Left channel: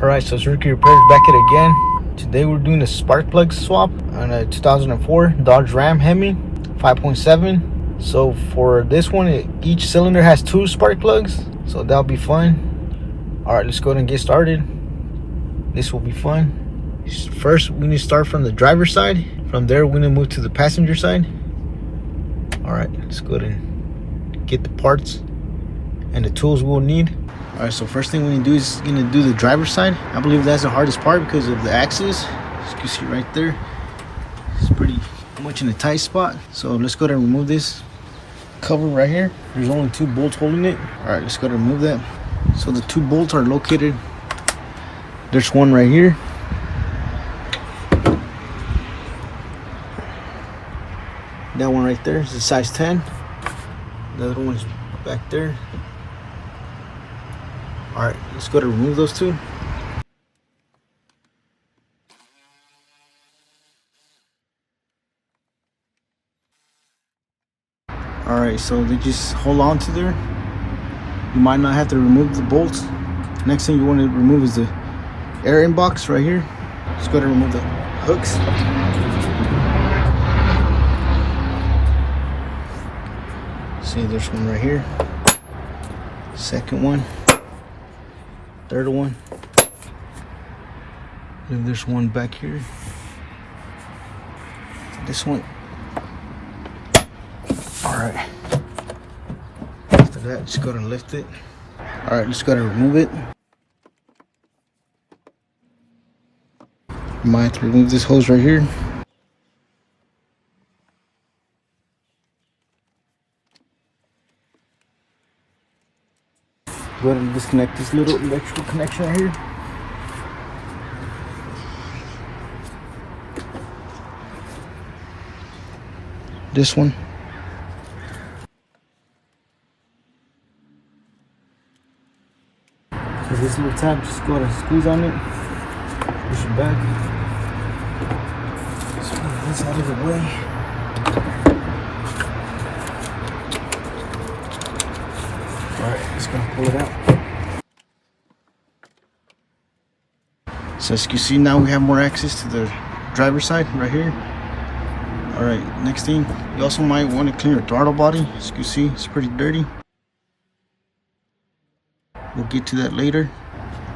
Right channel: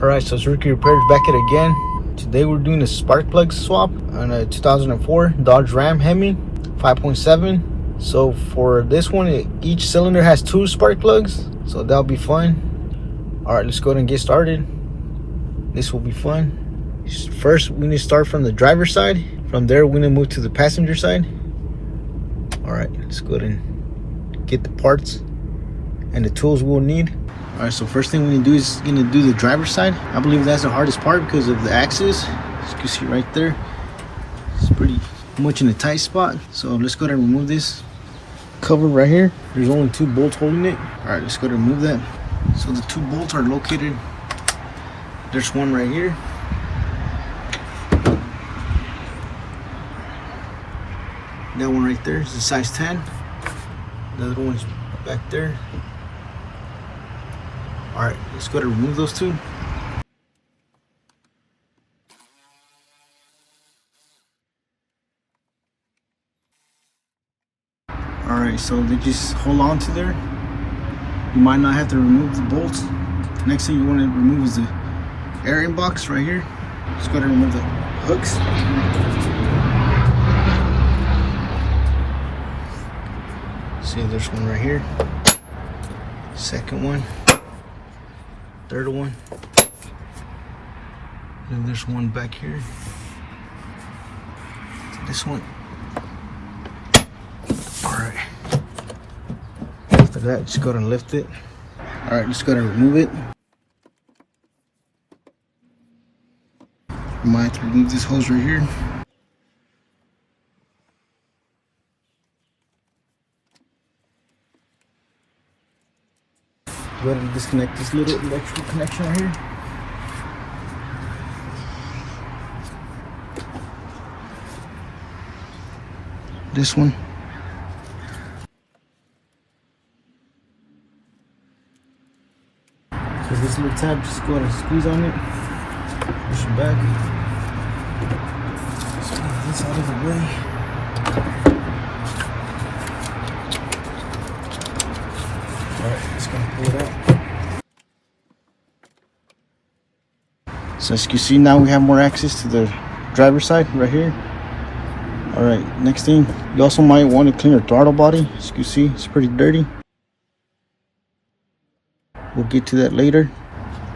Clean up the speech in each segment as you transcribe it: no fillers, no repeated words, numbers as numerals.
Alright, so Cherokee Repair is back at it again. Today we're doing a spark plug swap on a 2004 Dodge Ram Hemi 5.7. So for this one, each cylinder has 2 spark plugs, so that'll be fun. Alright, let's go ahead and get started. This will be fun. First, we need to start from the driver's side. From there, we're going to move to the passenger side. Alright, let's go ahead and get the parts and the tools we'll need. Alright, so first thing we need to do is gonna do the driver's side. I believe that's the hardest part because of the axis. As you can see right there, it's pretty much in a tight spot. So let's go ahead and remove this cover right here. There's only 2 bolts holding it. Alright, let's go ahead and remove that. So the 2 bolts are located. There's one right here. That one right there is a size 10. The other one's back there. Alright, let's go to remove those 2. Alright, so they just hold on to there. You might not have to remove the bolts. Next thing you want to remove is the air inbox right here. Let's go to remove the hooks. See, there's one right here. Second one. Third one. And there's one back here. This one. Alright. After that, just go ahead and lift it. Alright, just go ahead and remove it. You might have to remove this hose right here. Go ahead and disconnect this little electrical connection right here. This one. So this little tab, just go ahead and squeeze on it. Push it back. Just move this out of the way. Alright, just gonna pull it out. So as you can see, now we have more access to the driver's side right here. Alright, next thing, you also might want to clean your throttle body. As you can see, it's pretty dirty. We'll get to that later.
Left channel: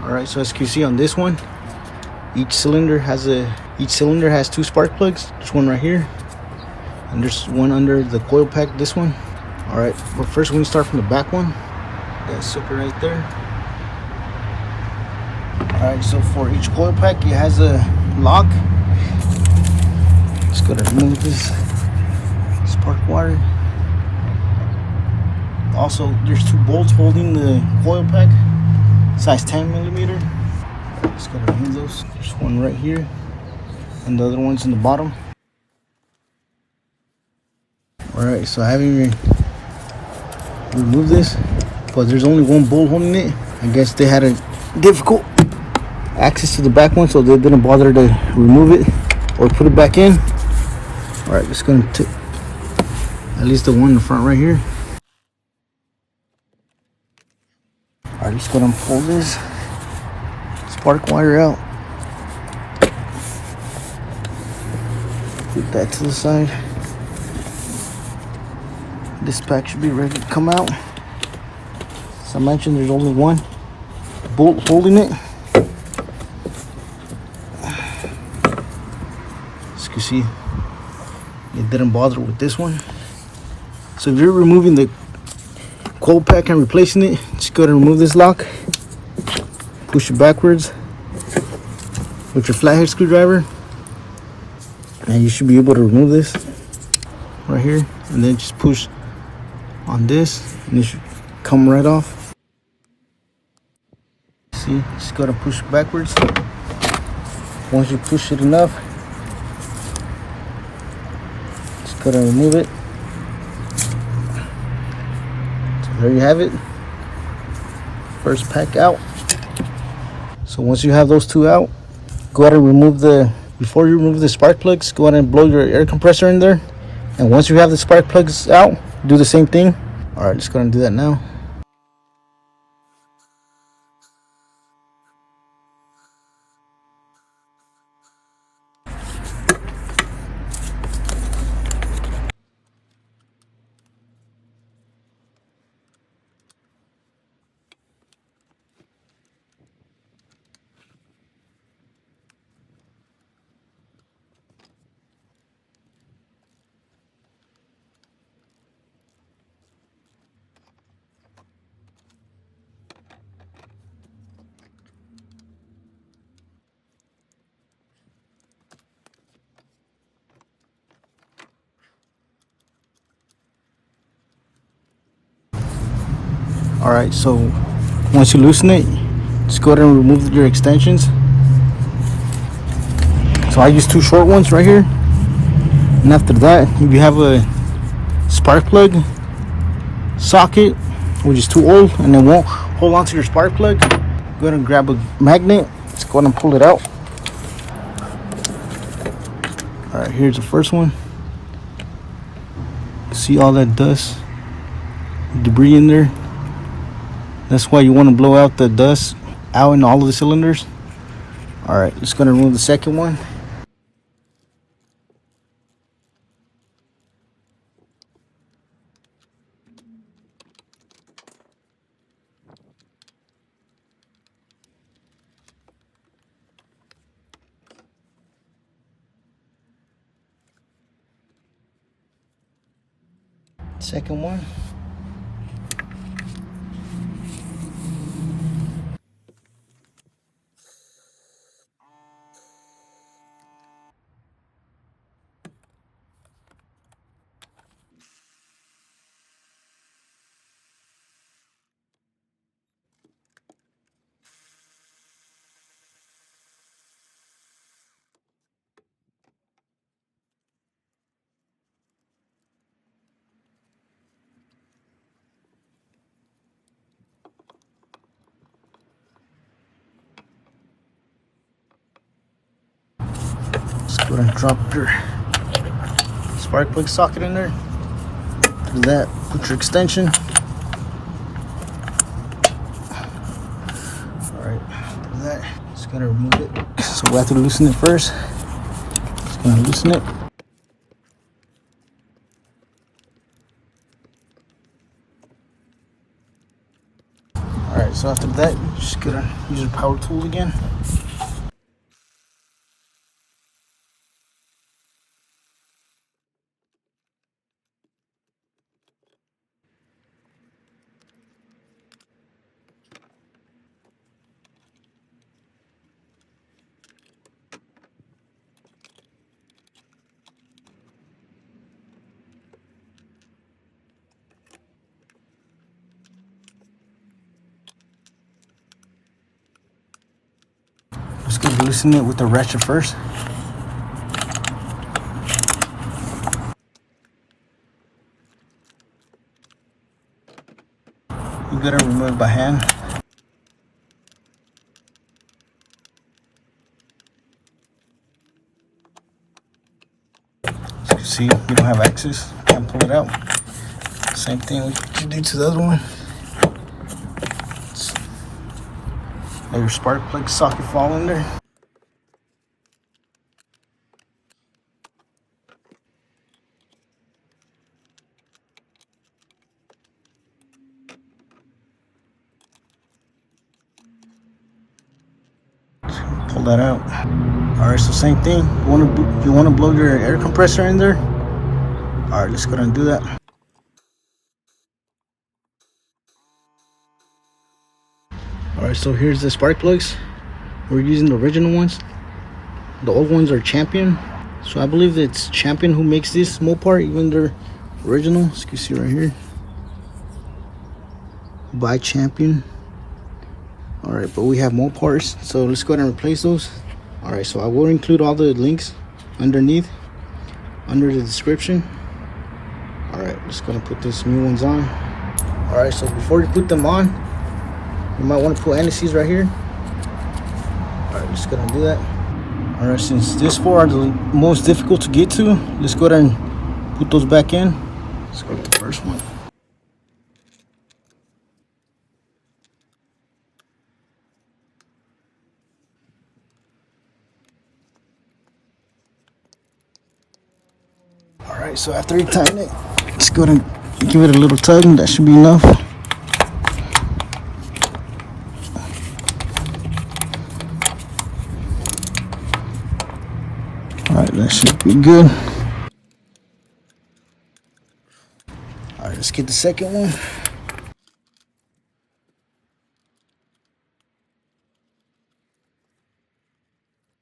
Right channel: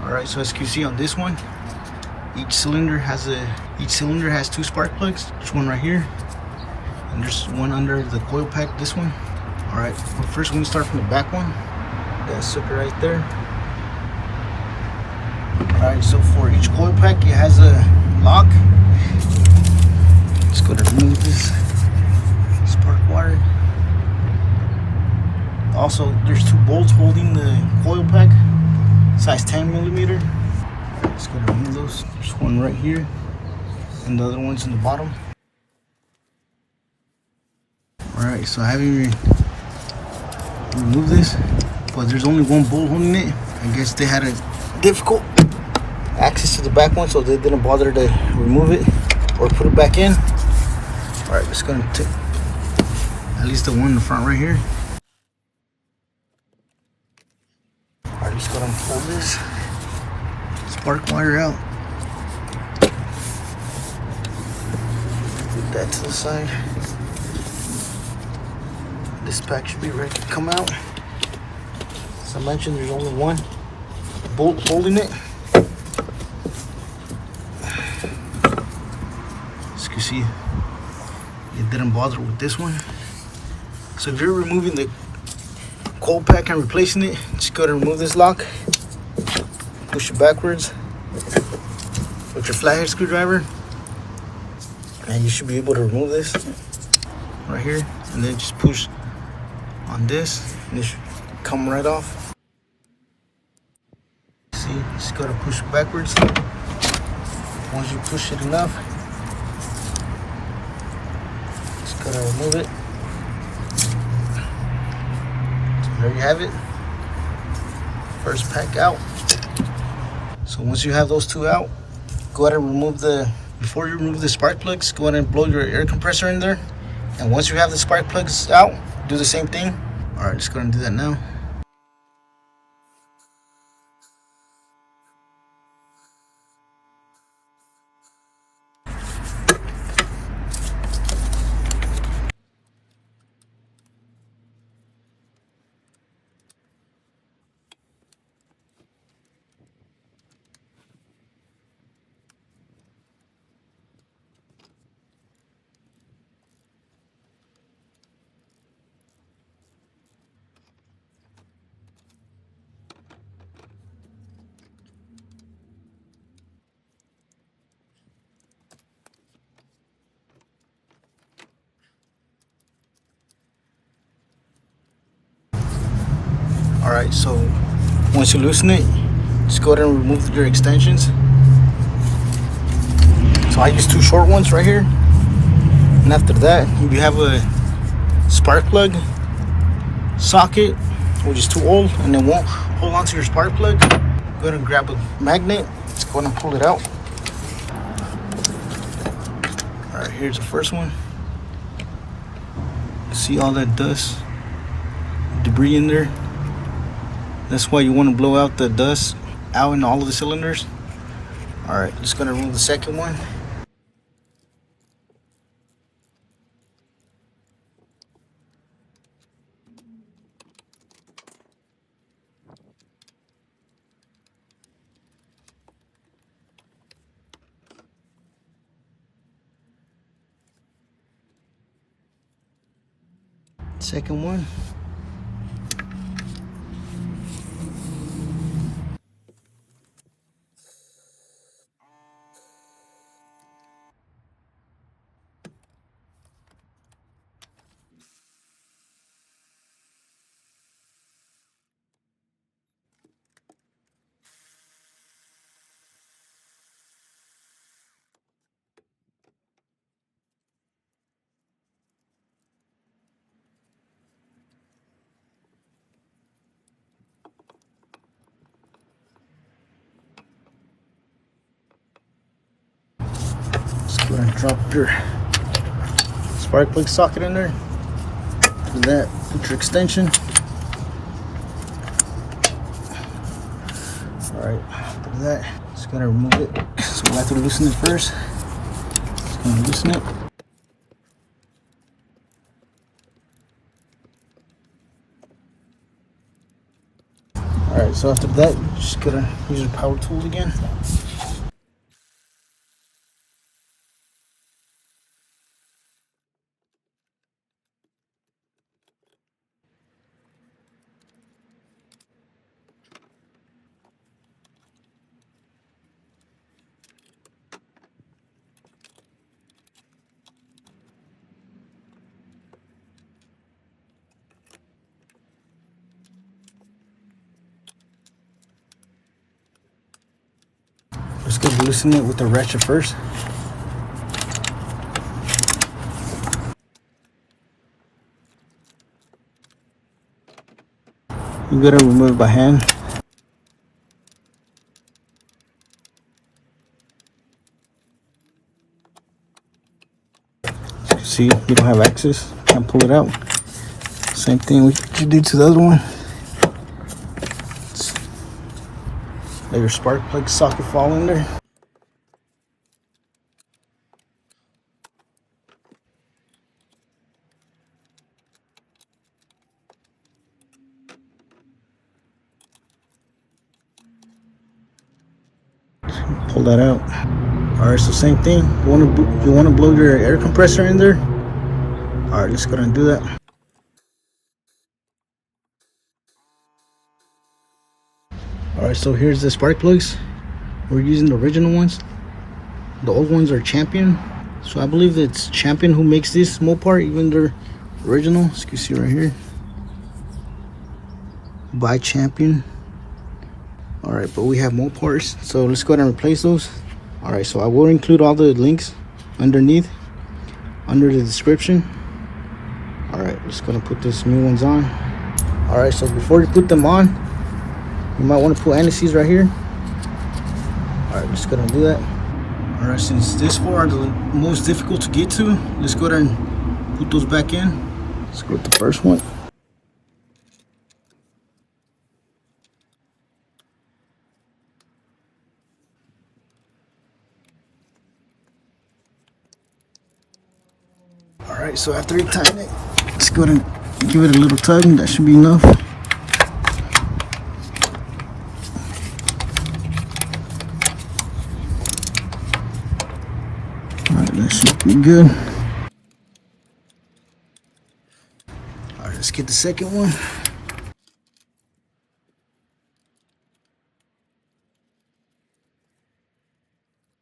Alright, so as you can see on this one, each cylinder has 2 spark plugs. There's one right here, and there's one under the coil pack, this one. Alright, but first we need to start from the back one. That sucker right there. Alright, so for each coil pack, it has a lock. Let's go ahead and remove this spark wire. Also, there's 2 bolts holding the coil pack, size 10mm. Alright, let's go ahead and remove those. There's one right here, and the other one's in the bottom. Alright, so I haven't even removed this, but there's only 1 bolt holding it. I guess they had a difficult access to the back one, so they didn't bother to remove it or put it back in. Alright, just gonna take at least the one in the front right here. Alright, just gonna pull this spark wire out. Put that to the side. This pack should be ready to come out. As I mentioned, there's only 1 bolt holding it. As you can see, they didn't bother with this one. So if you're removing the coil pack and replacing it, just go ahead and remove this lock. Push it backwards with your flathead screwdriver, and you should be able to remove this right here. And then just push on this, and it should come right off. See, just gotta push it backwards. Once you push it enough, just gotta remove it. So there you have it. First pack out. So once you have those 2 out, go ahead and remove before you remove the spark plugs, go ahead and blow your air compressor in there. And once you have the spark plugs out, do the same thing. Alright, just go ahead and do that now. Alright, so once you loosen it, just go ahead and remove your extensions. So I use 2 short ones right here. And after that, you have a spark plug socket, which is too old and it won't hold on to your spark plug. Go ahead and grab a magnet. Let's go ahead and pull it out. Alright, here's the first one. See all that dust, debris in there? That's why you want to blow out the dust out in all of the cylinders. Alright, just gonna remove the second one. Second one. Go ahead and drop your spark plug socket in there. After that, put your extension. Alright, after that, just gotta remove it. So we have to loosen it first. Just gonna loosen it. Alright, so after that, just gotta use your power tool again. Just go loosen it with the ratchet first. You gotta remove it by hand. See, you don't have access, can't pull it out. Same thing we did to the other one. Let your spark plug socket fall in there. Pull that out. All right, so same thing. You want to blow your air compressor in there. All right, let's go ahead and do that. All right, so here's the spark plugs. We're using the original ones. The old ones are Champion. So I believe it's Champion who makes this Mopar, even they're original. As you can see right here, by Champion. All right, but we have Mopars, so let's go ahead and replace those. All right, so I will include all the links underneath, under the description. All right, just gonna put these new ones on. All right, so before you put them on, you might want to put anti-seize right here. All right, just gonna do that. All right, since these 4 are the most difficult to get to, let's go ahead and put those back in. Let's go with the first one. All right, so after you tighten it, let's go ahead and give it a little tug, and that should be enough. All right, that should be good. All right, let's get the second one.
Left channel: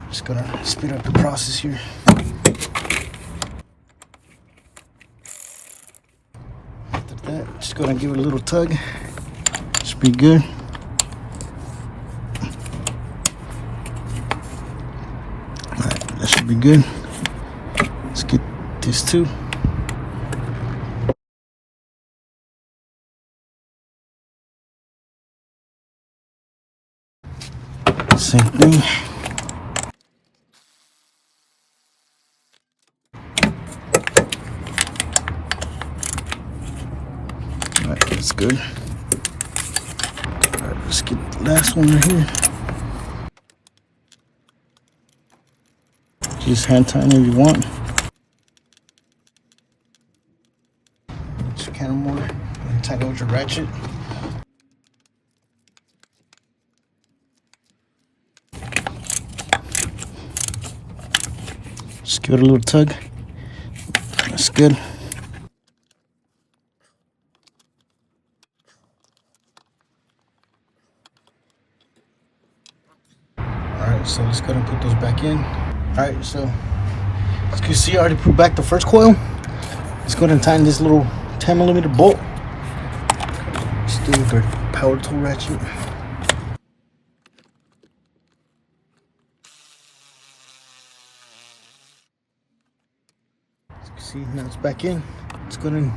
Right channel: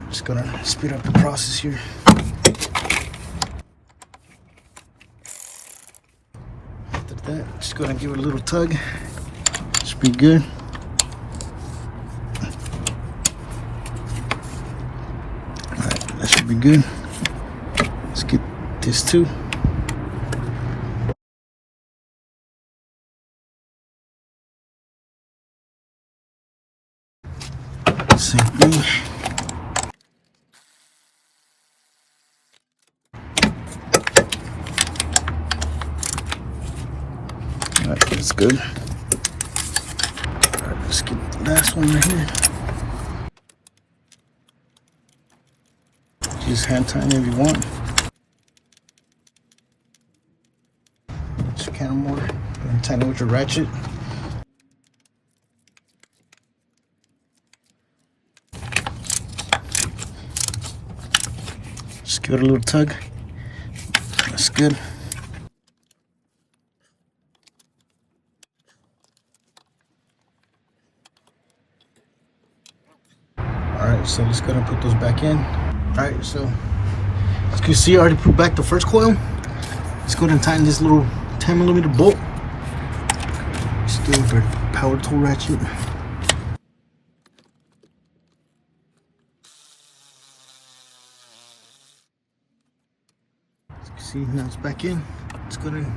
Just gonna speed up the process here. After that, just gonna give it a little tug. Just be good. Alright, that should be good. Let's get this too. Same thing. Alright, that's good. Alright, let's get the last one right here. Just hand tighten if you want. Just kind of more and tighten with your ratchet. Just give it a little tug. That's good. Alright, so let's go ahead and put those back in. Alright, so as you can see, I already put back the first coil. Let's go ahead and tighten this little 10mm bolt. Still with our power tool ratchet. As you can see, now it's back in. Let's go ahead and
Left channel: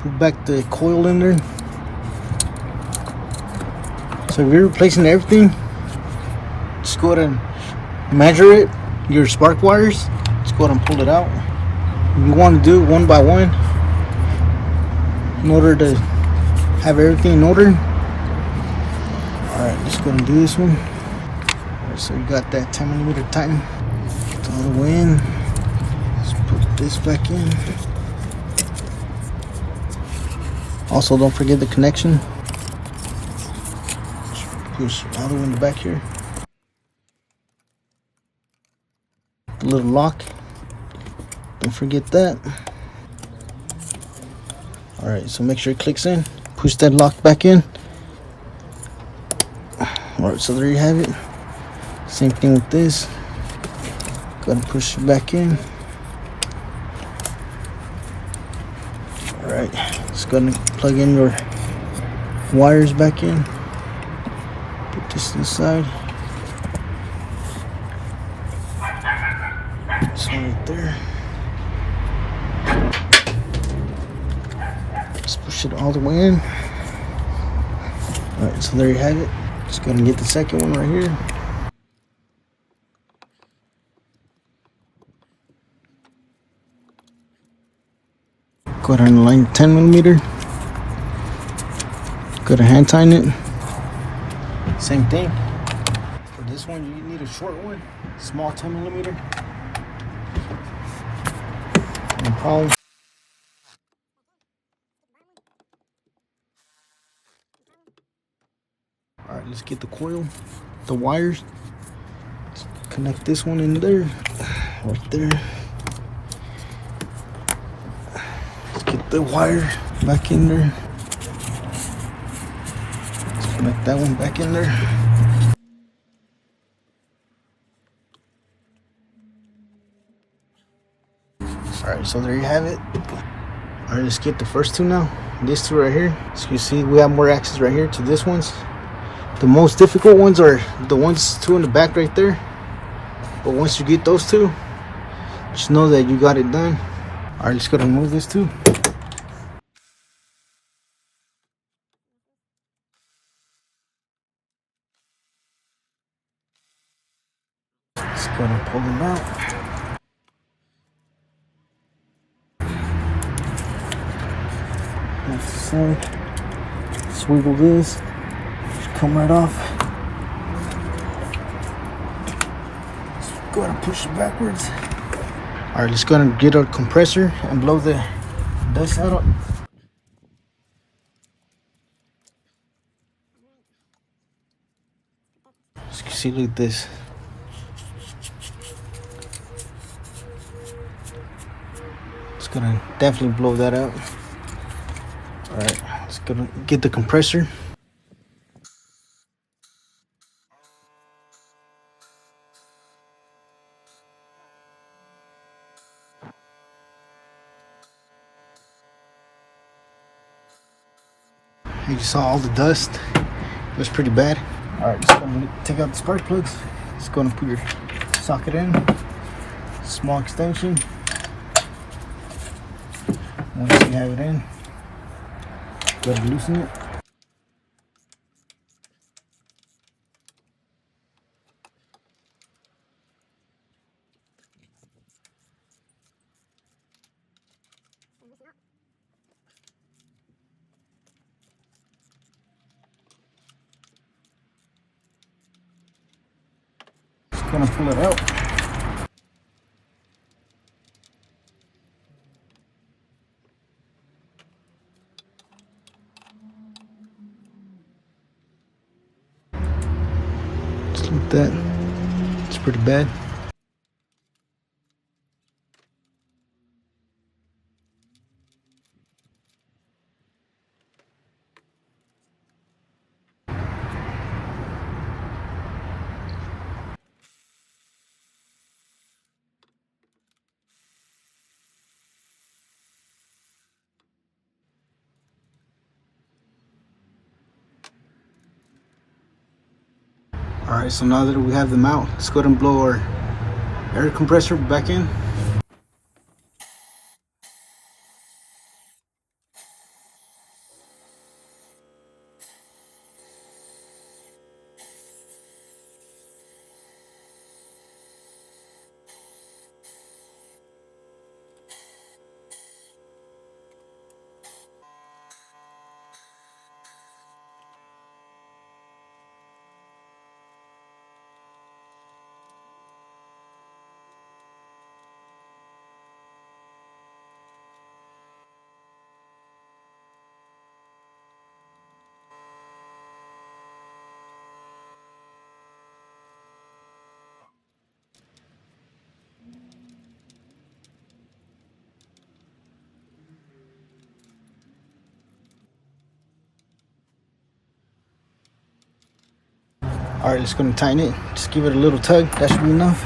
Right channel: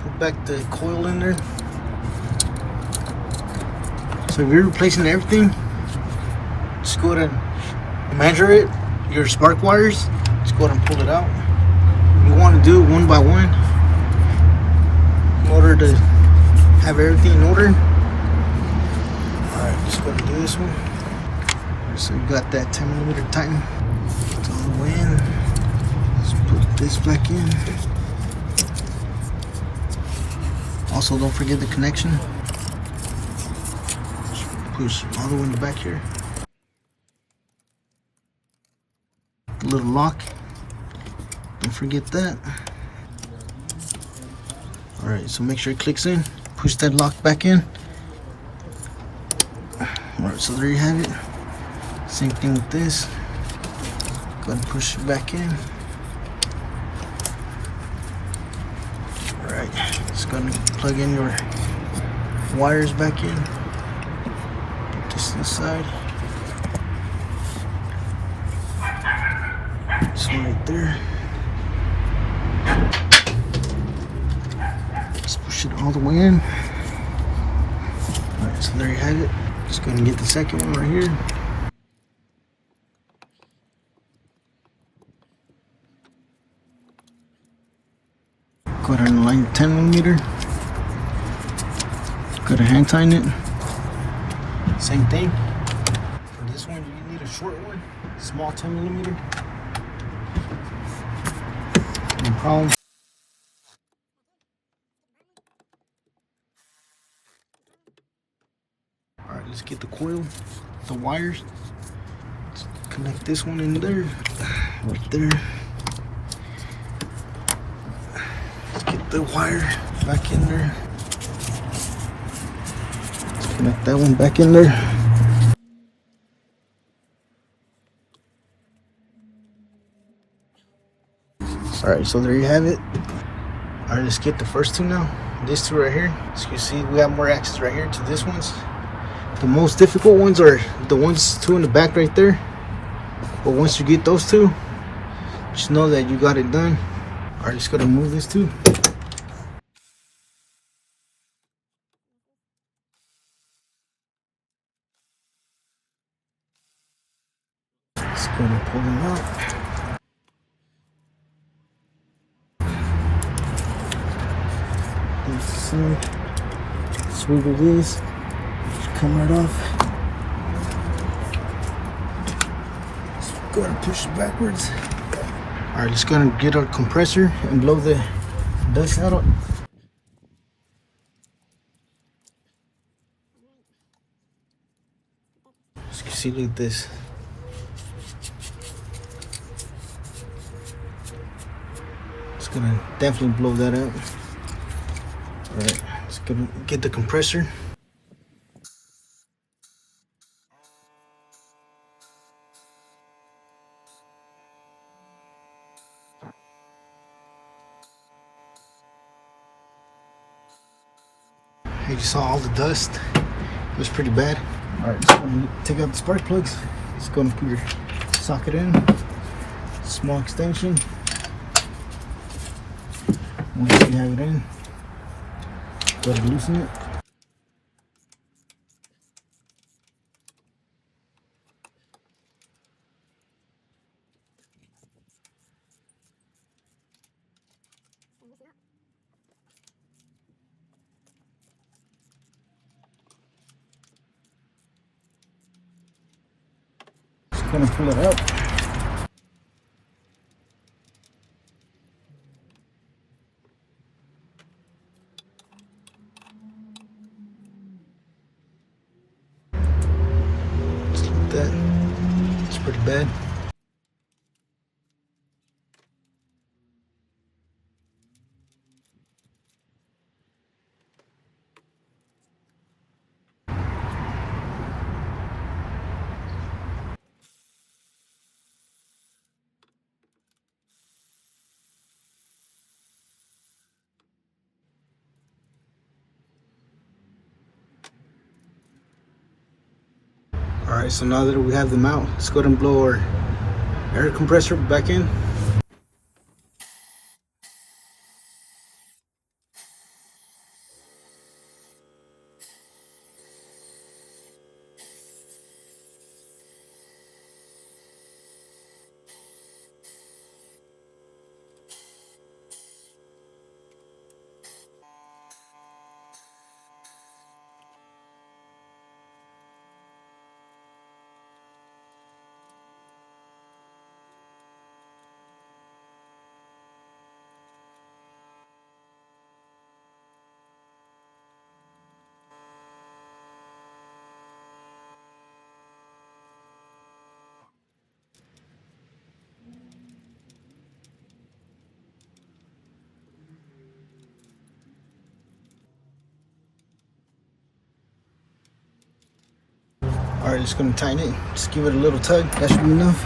put back the coil in there. So if you're replacing everything, just go ahead and measure it, your spark wires. Just go ahead and pull it out. You want to do it one by one in order to have everything in order. Alright, just gonna do this one. Alright, so you got that 10mm tighten all the way in. Let's put this back in. Also, don't forget the connection. Push all the way in the back here. The little lock. Don't forget that. Alright, so make sure it clicks in. Push that lock back in. Alright, so there you have it. Same thing with this. Go ahead and push it back in. Alright, just go ahead and plug in your wires back in. Put this inside. This one right there. Just push it all the way in. Alright, so there you have it. Just go ahead and get the second one right here. Go ahead and line 10mm. Go ahead and hand tighten it. Same thing. For this one, you need a short one, small 10mm. No problem. Alright, let's get the coil, the wires. Connect this one in there, right there. Let's get the wire back in there. Let's connect that one back in there. Alright, so there you have it. Alright, let's get the first two now. These two right here. So you see we have more axes right here to this ones. The most difficult ones are the ones two in the back right there. But once you get those two, just know that you got it done. Alright, just gonna move this too. Just gonna pull them out. That's the same. Swivel this. Just come right off. Just go ahead and push it backwards. Alright, let's go ahead and get our compressor and blow the dust out. As you can see, look at this. It's gonna definitely blow that out. Alright, let's go get the compressor. You saw all the dust. It was pretty bad. Alright, just gonna take out the spark plugs. Just gonna put your socket in. Small extension. Once you have it in, go ahead and loosen it. Just gonna pull it out. Just like that. It's pretty bad. Alright, so now that we have them out, let's go ahead and blow our air compressor back in. Alright, just gonna tighten it. Just give it a little tug. That should be enough.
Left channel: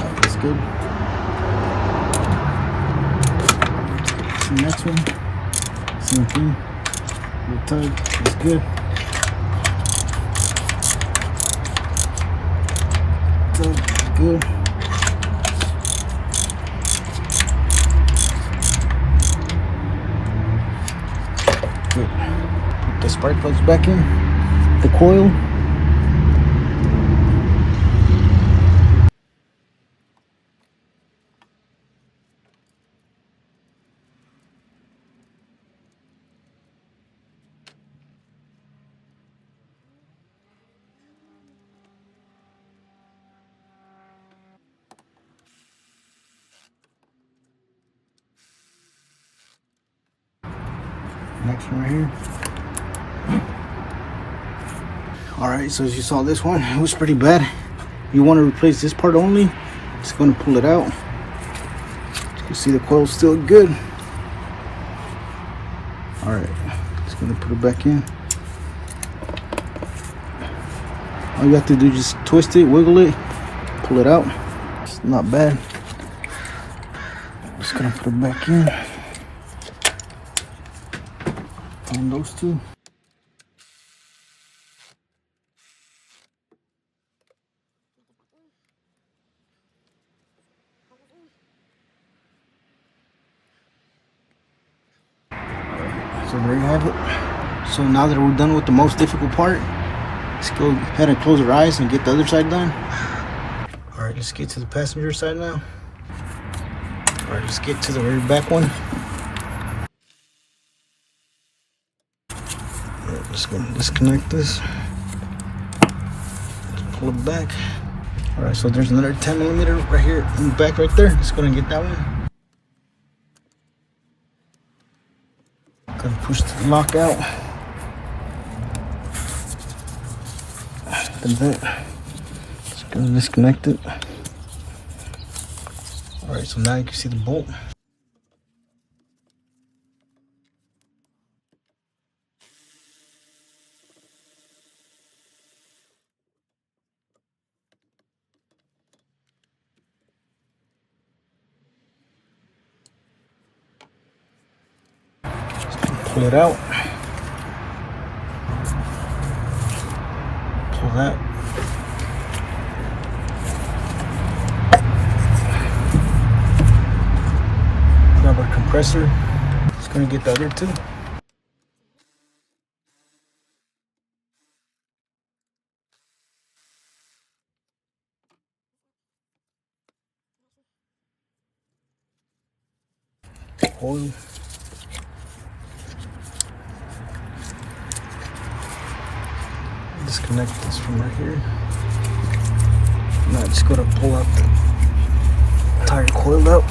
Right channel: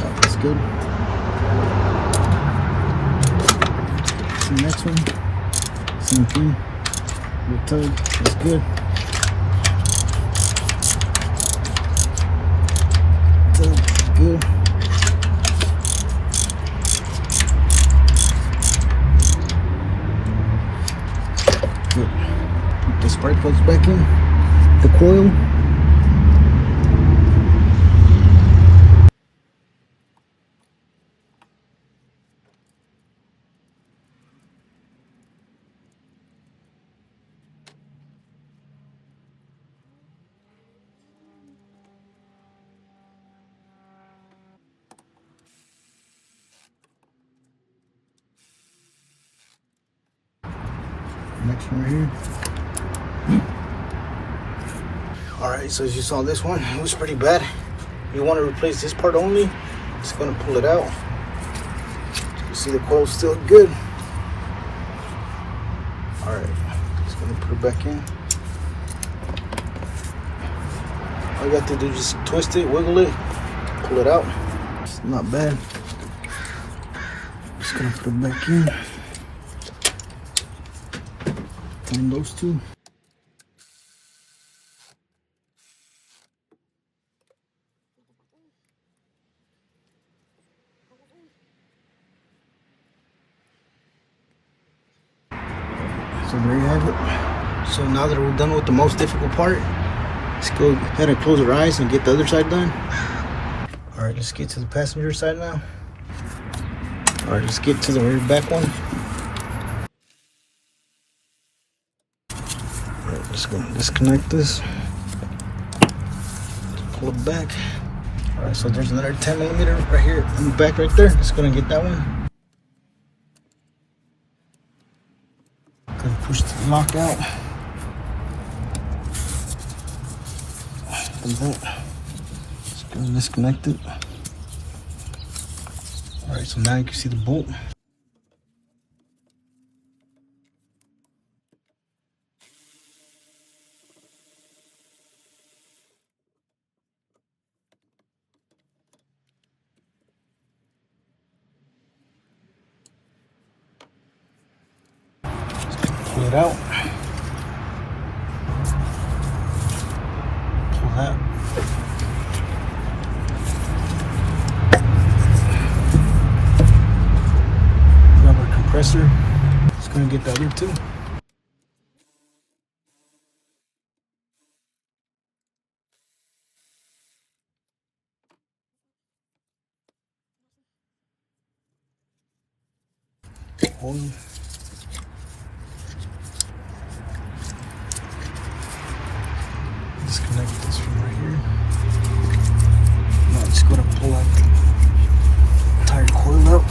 Alright, that's good. The next one, same thing. Little tug. That's good. Tug. Good. Put the spark plugs back in the coil. Next one right here. Alright, so as you saw, this one, it was pretty bad. You want to replace this part only. Just going to pull it out. You see the coil is still good. Alright, just going to put it back in. All you have to do is just twist it, wiggle it, pull it out. It's not bad. Just going to put it back in. On those two. So there you have it. So now that we're done with the most difficult part, let's go ahead and close our eyes and get the other side done. Alright, let's get to the passenger side now. Alright, let's get to the very back one. Alright, let's go disconnect this. Pull it back. Alright, so there's another 10mm right here in the back right there. Let's go and get that one. Gonna push the lock out. There's it. Just gonna disconnect it. Alright, so now you can see the bolt. pull it out. Pull that. Grab our compressor. Just gonna get the other two. Coil. Disconnect this from right here. Now just gotta pull out the tire coil out.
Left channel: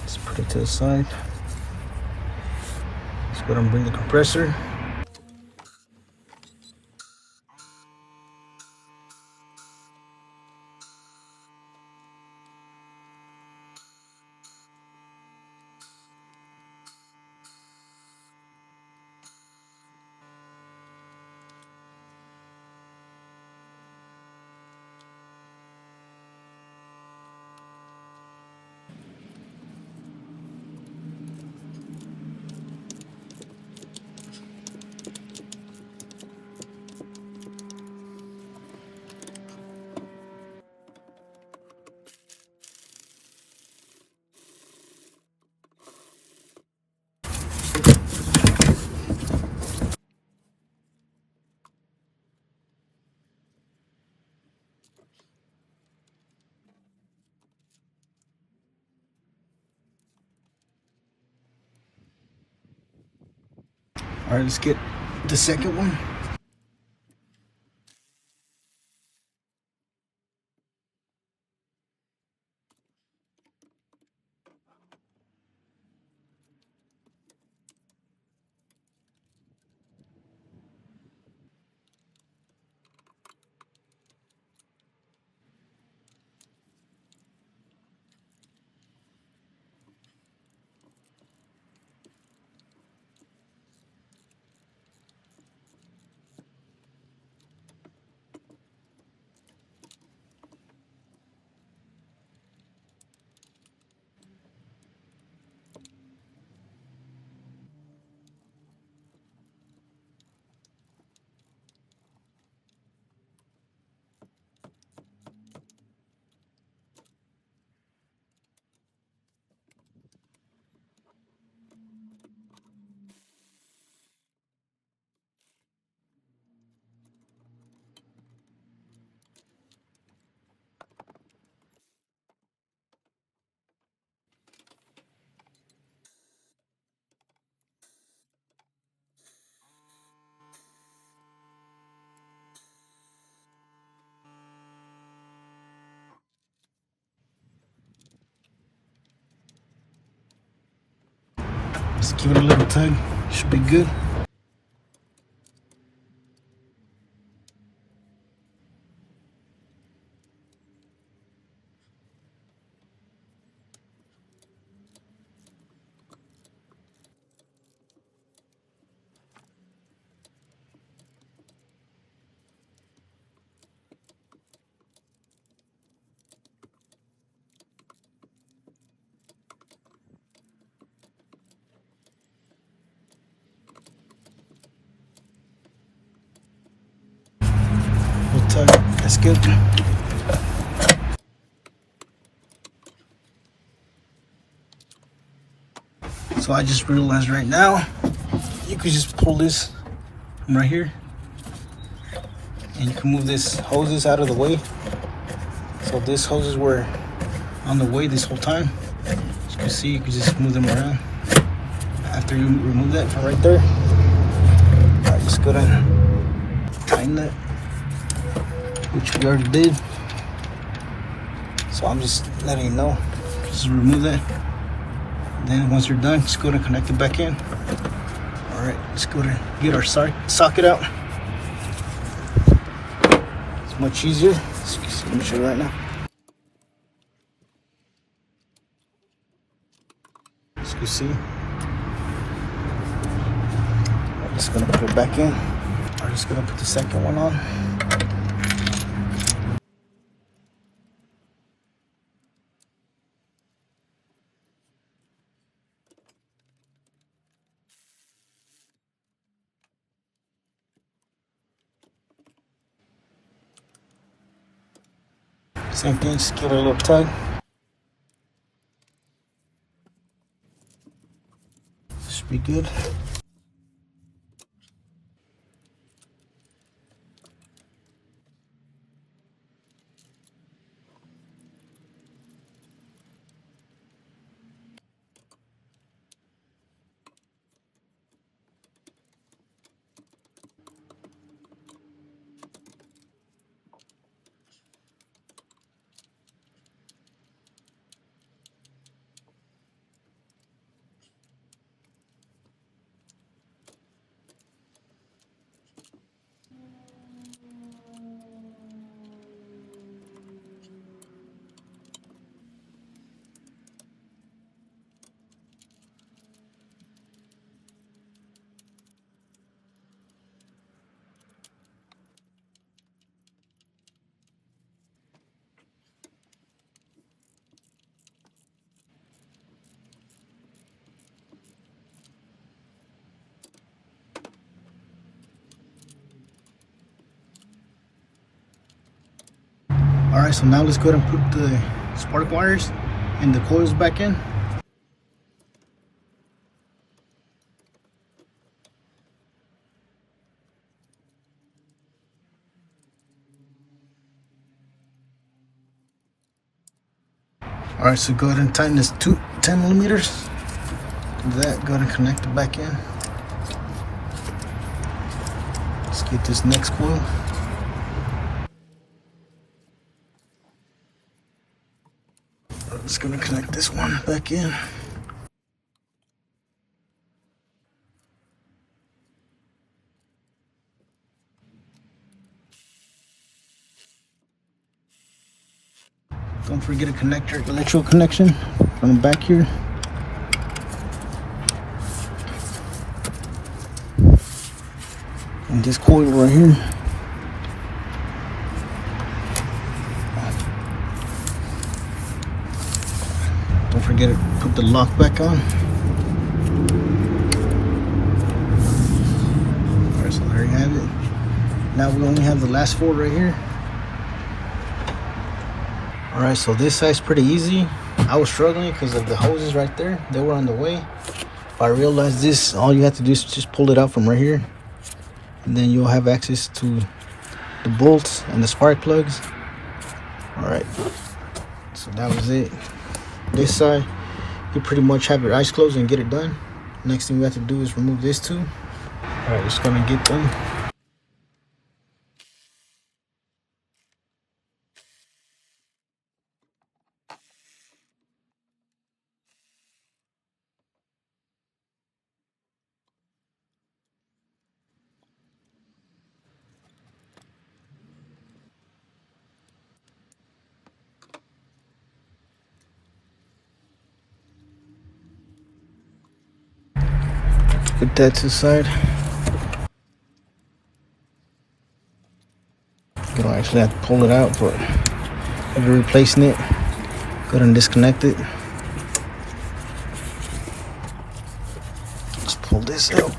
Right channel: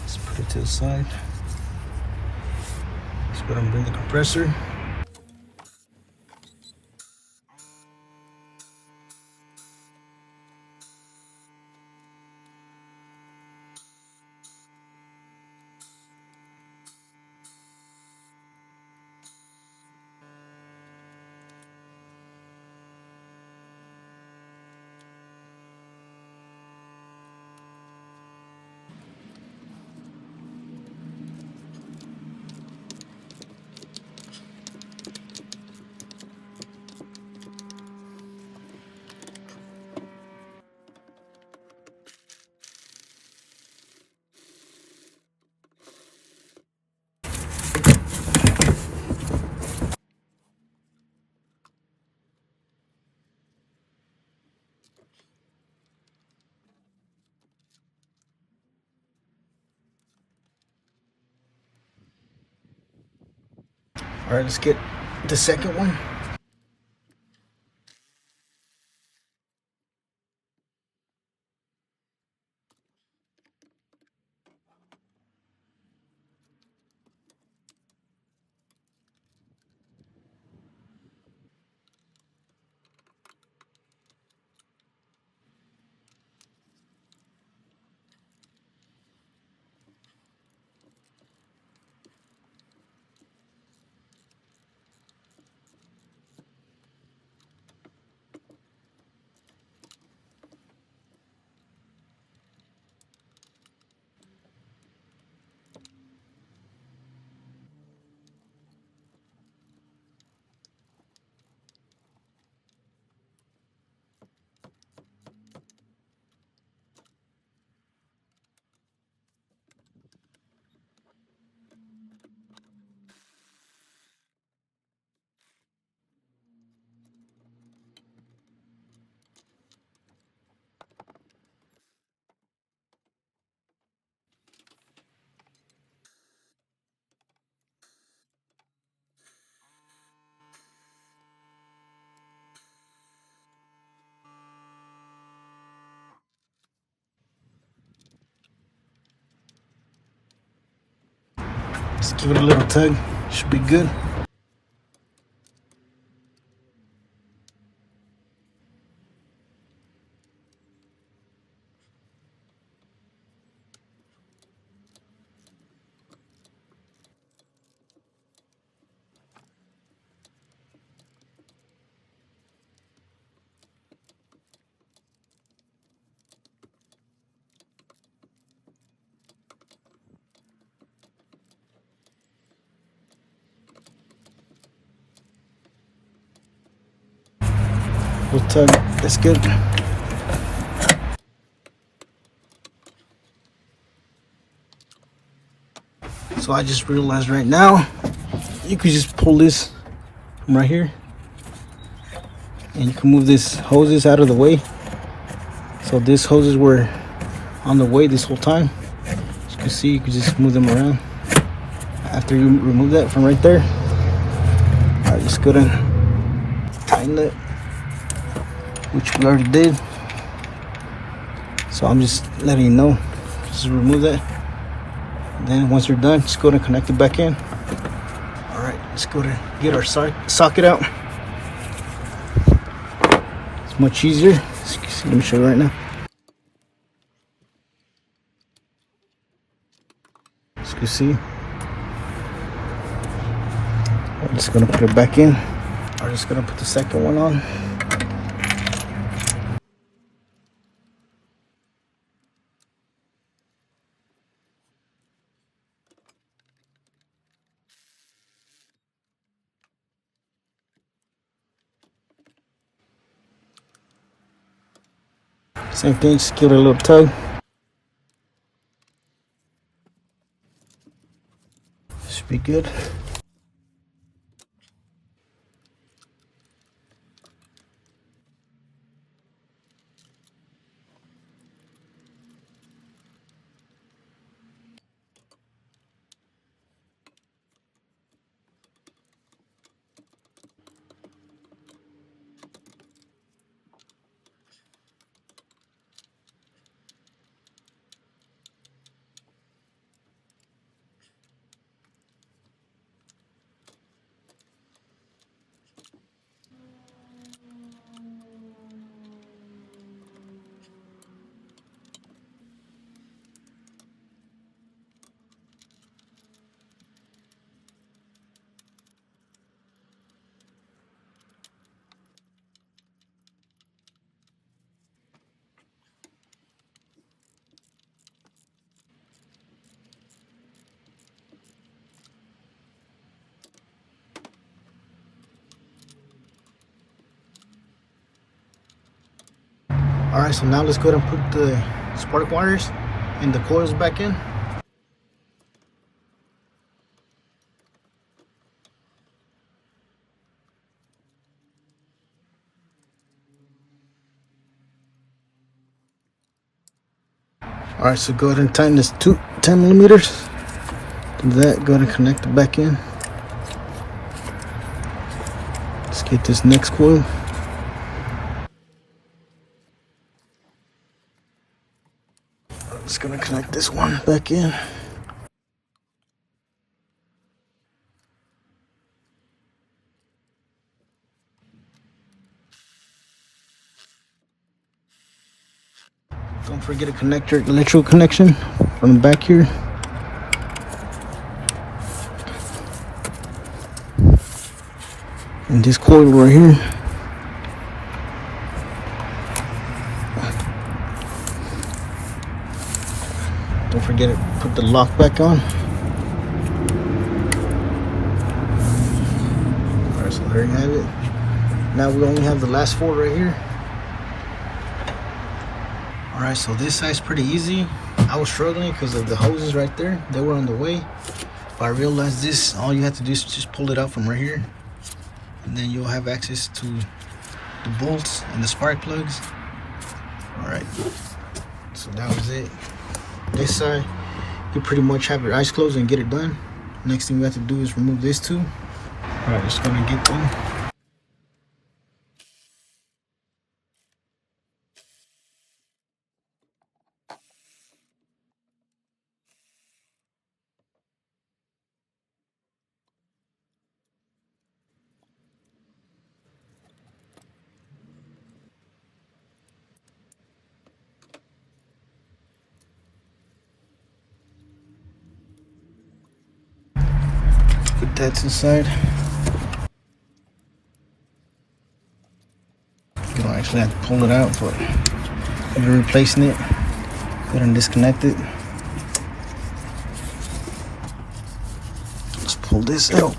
Let's put it to the side. Let's go and bring the compressor. All right, let's get the second one. Just give it a little tug. Should be good. Little tug. That's good. So I just realized right now, you could just pull this from right here, and you can move this hoses out of the way. So these hoses were on the way this whole time. As you can see, you can just move them around. After you remove that from right there, just go to tighten it, which we already did. So I'm just letting you know, just remove that. And then once you're done, just go to connect it back in. All right, let's go to get our socket out. It's much easier. Let me show you right now. As you can see, I'm just gonna put it back in. I'm just gonna put the second one on. Same thing, just give it a little tug. Should be good. Alright, so now let's go ahead and put the spark wires and the coils back in. Alright, so go ahead and tighten this to 10 millimeters. Do that, go ahead and connect it back in. Let's get this next coil. I'm just gonna connect this one back in. Don't forget to connect your electrical connection from the back here. And this coil right here. Don't forget to put the lock back on. Alright, so there you have it. Now we only have the last four right here. Alright, so this side's pretty easy. I was struggling because of the hoses right there. They were on the way. I realized this, all you have to do is just pull it out from right here. And then you'll have access to the bolts and the spark plugs. Alright, so that was it. This side, you pretty much have your eyes closed and get it done. Next thing we have to do is remove this too. Alright, just gonna get them. Get that to the side. You don't actually have to pull it out, but if you're replacing it, go ahead and disconnect it. Just pull this out.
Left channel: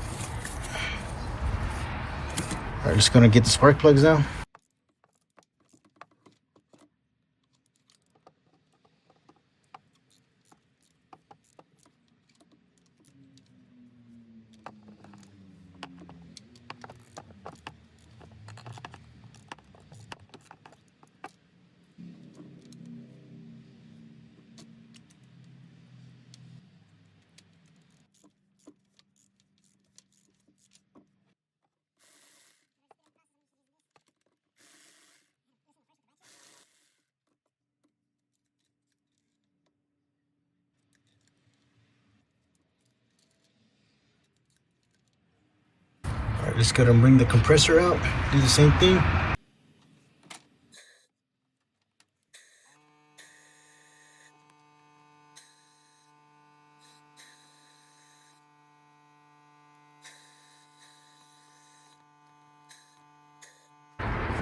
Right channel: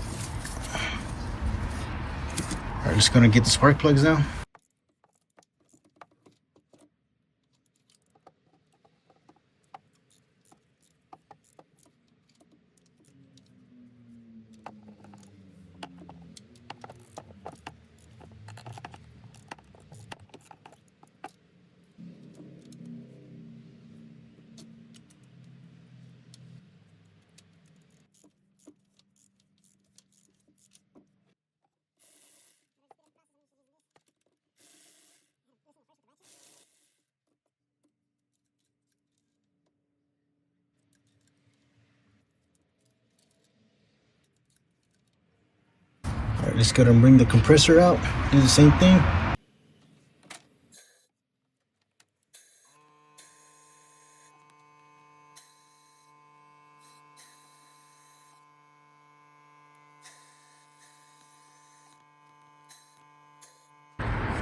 Alright, just gonna get the spark plugs now. Alright, just gotta bring the compressor out, do the same thing.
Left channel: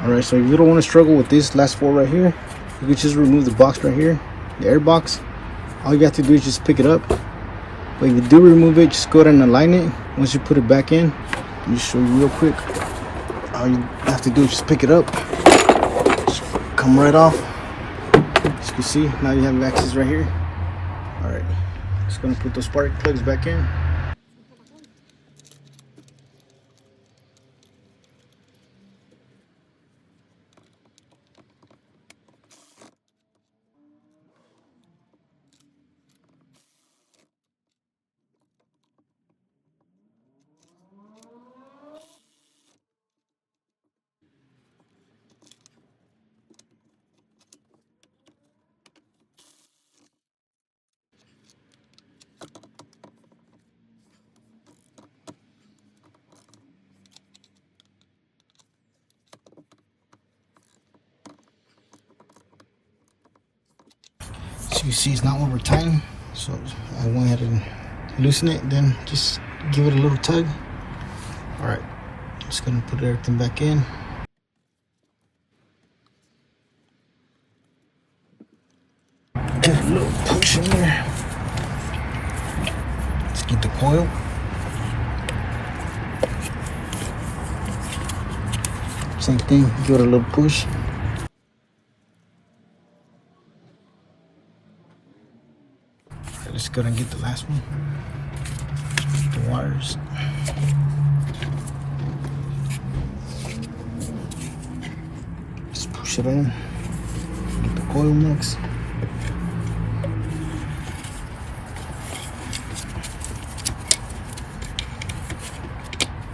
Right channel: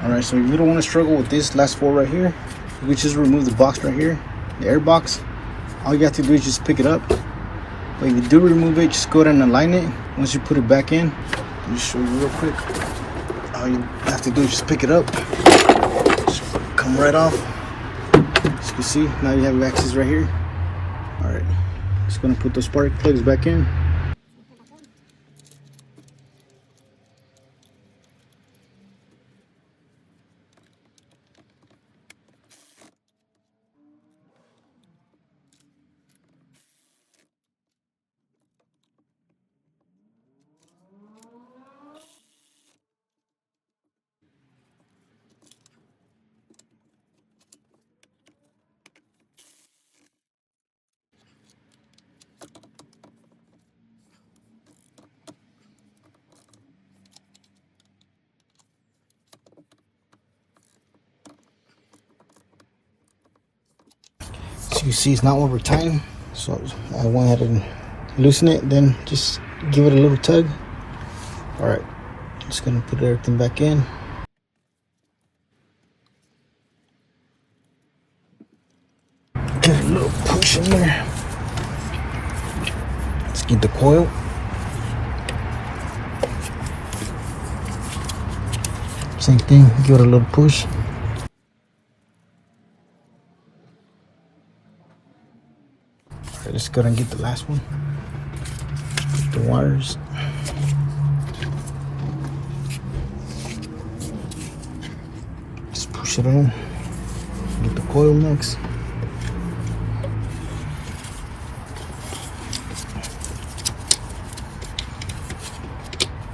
Alright, so you don't want to struggle with this last four right here. You can just remove the box right here, the air box. All you have to do is just pick it up. But if you do remove it, just go ahead and align it. Once you put it back in, I'll show you real quick. All you have to do is just pick it up. Just come right off. As you can see, now you have access right here. Alright, just gonna put the spark plugs back in. So you see it's not over time, so I went ahead and loosen it, then just give it a little tug. Alright, just gonna put everything back in. Push in there. Let's get the coil. Same thing, give it a little push. I'm just gonna get the last one. The wires. Just push it in. Get the coil mix.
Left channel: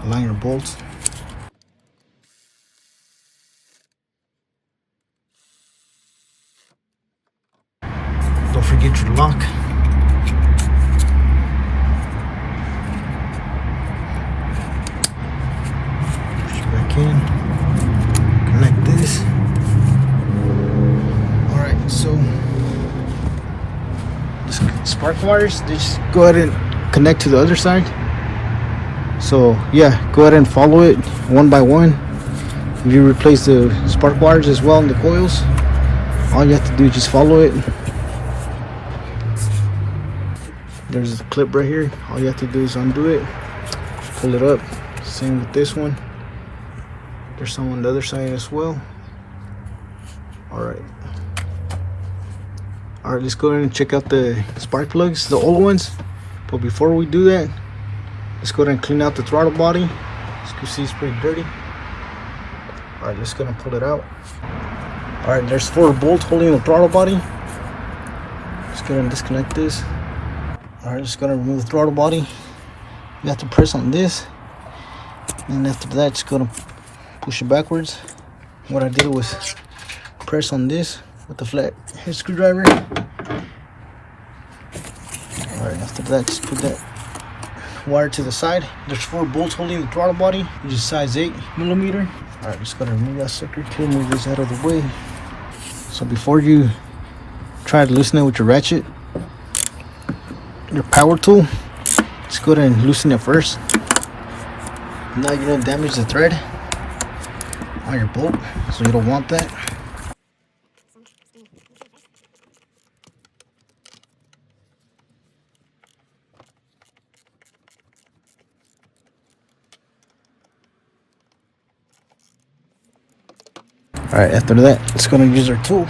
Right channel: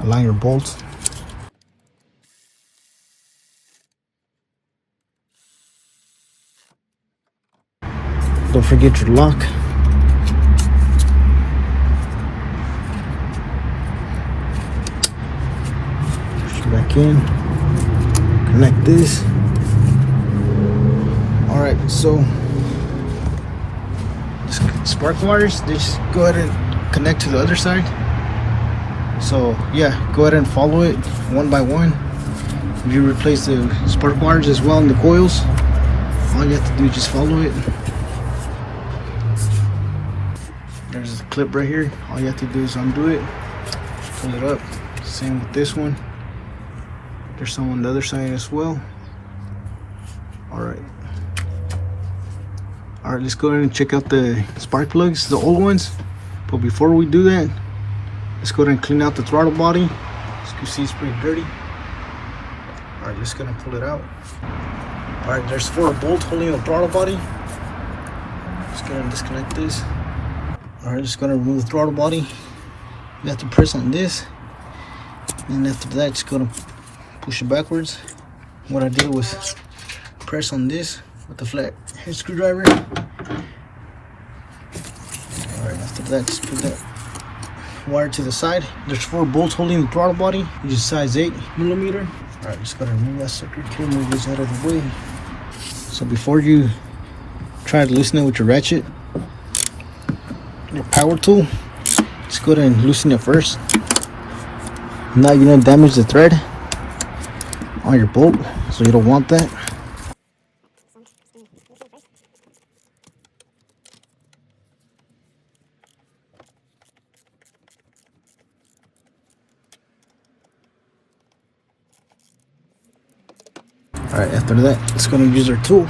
Align your bolts. Don't forget your lock. Push it back in. Connect this. Alright, so spark wires, they just go ahead and connect to the other side. So yeah, go ahead and follow it one by one. If you replace the spark wires as well in the coils, all you have to do is just follow it. There's a clip right here. All you have to do is undo it, pull it up. Same with this one. There's some on the other side as well. Alright, let's go ahead and check out the spark plugs, the old ones. But before we do that, let's go ahead and clean out the throttle body. As you can see, it's pretty dirty. Alright, let's go ahead and pull it out. Alright, there's 4 bolts holding the throttle body. Let's go ahead and disconnect this. Alright, just gonna remove the throttle body. You have to press on this, and after that, just gonna push it backwards. What I did was press on this with the flat head screwdriver. Alright, after that, just put that wire to the side. There's 4 bolts holding the throttle body, which is size 8mm. Alright, just gotta remove that sucker too, move this out of the way. So before you try to loosen it with your ratchet, your power tool, just go ahead and loosen it first. Now you're gonna damage the thread on your bolt, so you don't want that. Alright, after that, it's gonna use our tool.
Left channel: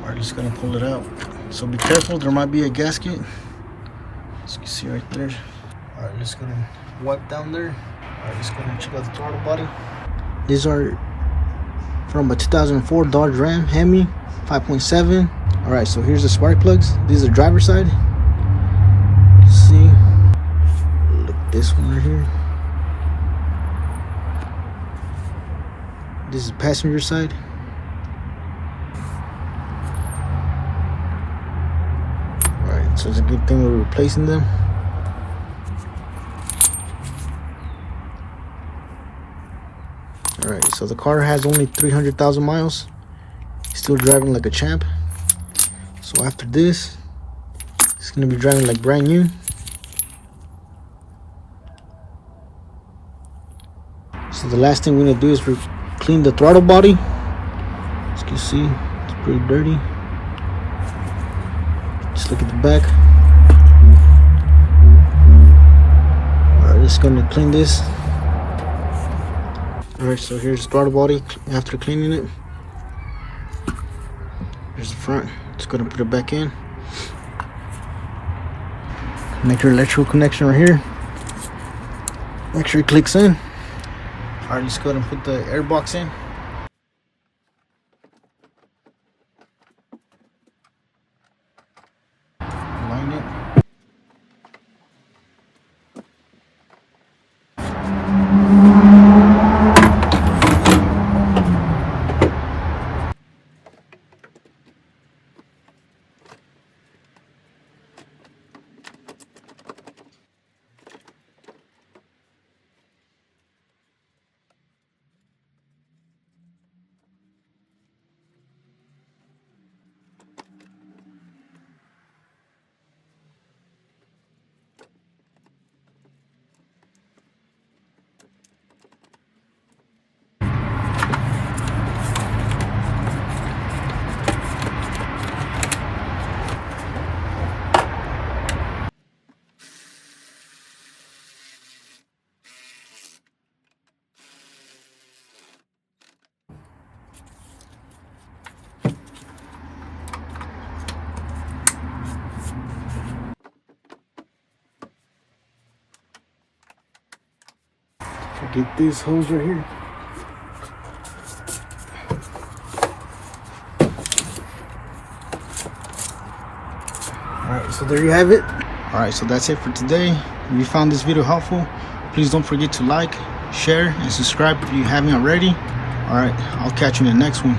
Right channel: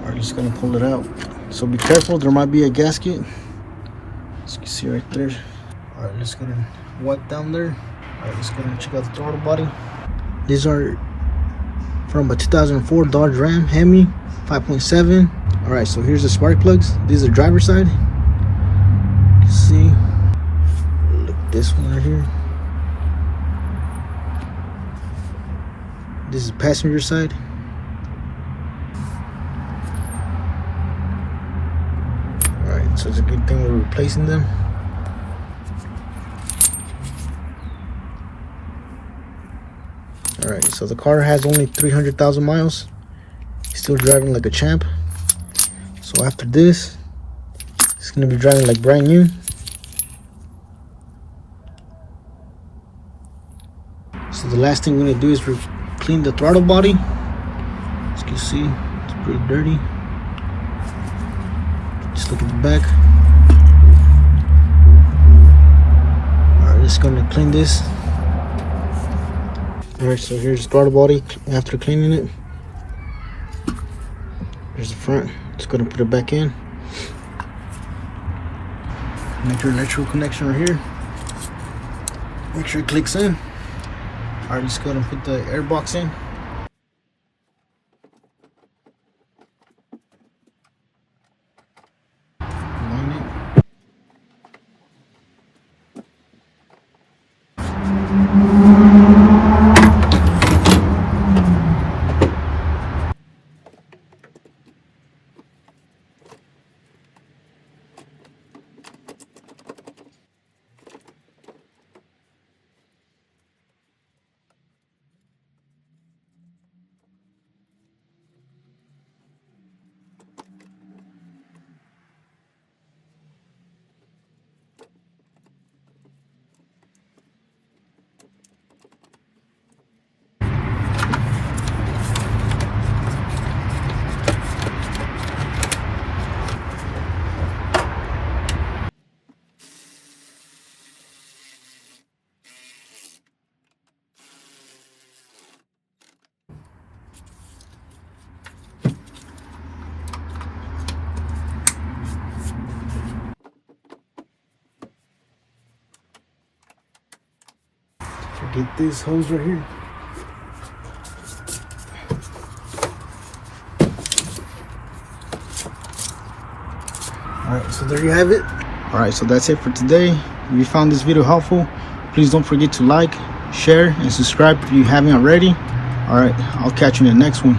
Alright, just gonna pull it out. So be careful, there might be a gasket. As you can see right there. Alright, just gonna wipe down there. Alright, just gonna check out the throttle body. These are from a 2004 Dodge Ram Hemi 5.7. Alright, so here's the spark plugs. These are driver side. You can see. Look at this one right here. This is passenger side. Alright, so it's a good thing we're replacing them. Alright, so the car has only 300,000 miles. Still driving like a champ. So after this, it's gonna be driving like brand new. So the last thing we're gonna do is clean the throttle body. As you can see, it's pretty dirty. Just look at the back. just gonna clean this. Alright, so here's the throttle body after cleaning it. Here's the front. Just gonna put it back in. Make your electrical connection right here. Make sure it clicks in. Alright, let's go ahead and put the air box in. Line it. Get this hose right here. Alright, so there you have it. Alright, so that's it for today. If you found this video helpful, please don't forget to like, share, and subscribe if you haven't already. Alright, I'll catch you in the next one.